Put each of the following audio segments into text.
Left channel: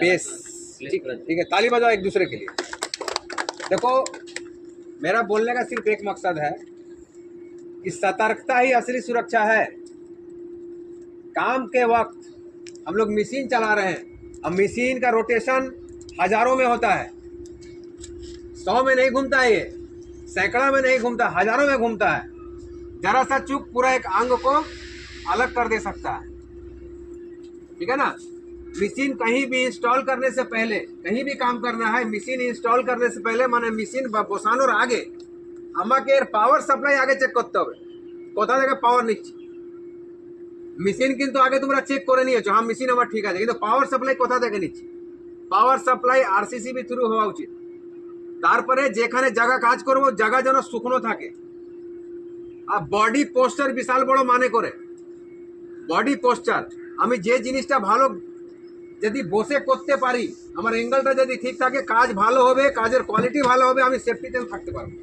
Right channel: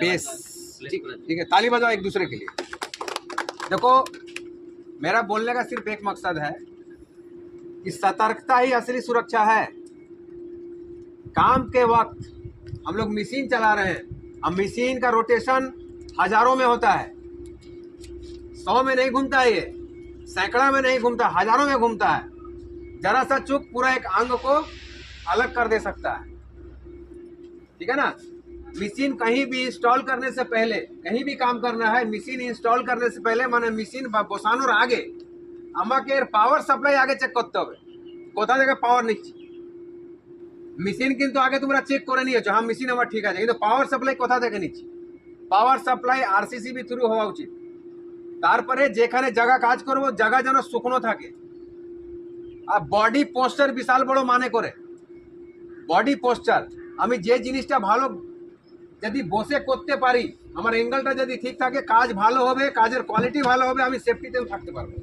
Base ठीक है, ताली बजाओ एक दूसरे के लिए। देखो मेरा बोलने का सिर्फ एक मकसद है कि सतर्कता ही असली सुरक्षा है। काम के वक्त हम लोग मशीन चला रहे हैं, अब मशीन का रोटेशन हजारों में होता है, 100 में नहीं घूमता है, ये सैकड़ा में नहीं घूमता, हजारों में घूमता है। जरा सा चूक पूरा एक अंग को अलग कर दे सकता है, ठीक है ना। मशीन कहीं भी इंस्टॉल करने से पहले, कहीं भी काम करना है, मशीन इंस्टॉल करने से पहले माने मशीन बसानोर आगे আমাকে পাওয়ার সাপ্লাই আগে চেক করতে হবে, কোথা থেকে পাওয়ার নিচ্ছি। মেশিন কিন্তু আগে তোমরা চেক করে নিয়েছো, হ্যাঁ মেশিন আমার ঠিক আছে, কিন্তু পাওয়ার সাপ্লাই কোথা থেকে নিচ্ছি। পাওয়ার সাপ্লাই আরসিসিবি থ্রু হওয়া উচিত। তারপরে যেখানে জায়গা কাজ করব জায়গা যেন শুকনো থাকে। আর বডি পোস্টার বিশাল বড় মানে করে, বডি পোস্টার আমি যে জিনিসটা ভালো যদি বসে করতে পারি, আমার অ্যাঙ্গেলটা যদি ঠিক থাকে, কাজ ভালো হবে, কাজের কোয়ালিটি ভালো হবে, আমি সেফটিতে থাকতে পারবো।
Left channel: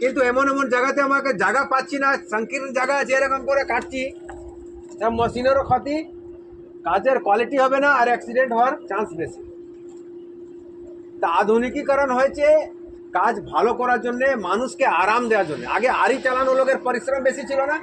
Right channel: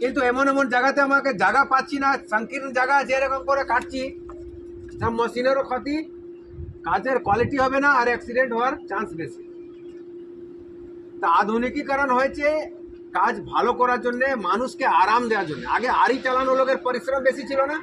কিন্তু এমন এমন জায়গাতে আমাকে জায়গা পাচ্ছি না, সংকীর্ণ জায়গা যেরকম করে কাটছি, সব মেশিনেরও ক্ষতি, কাজের কোয়ালিটি হবে না, আর অ্যাক্সিডেন্ট হওয়ার চান্স বেশি। তা আধুনিকীকরণ হয়েছে কাজ ভালো করার জন্য, মানুষকে আরাম দেওয়ার জন্য। আগে আড়ি চালানো লোকের পরিশ্রম বেশি ছিল না,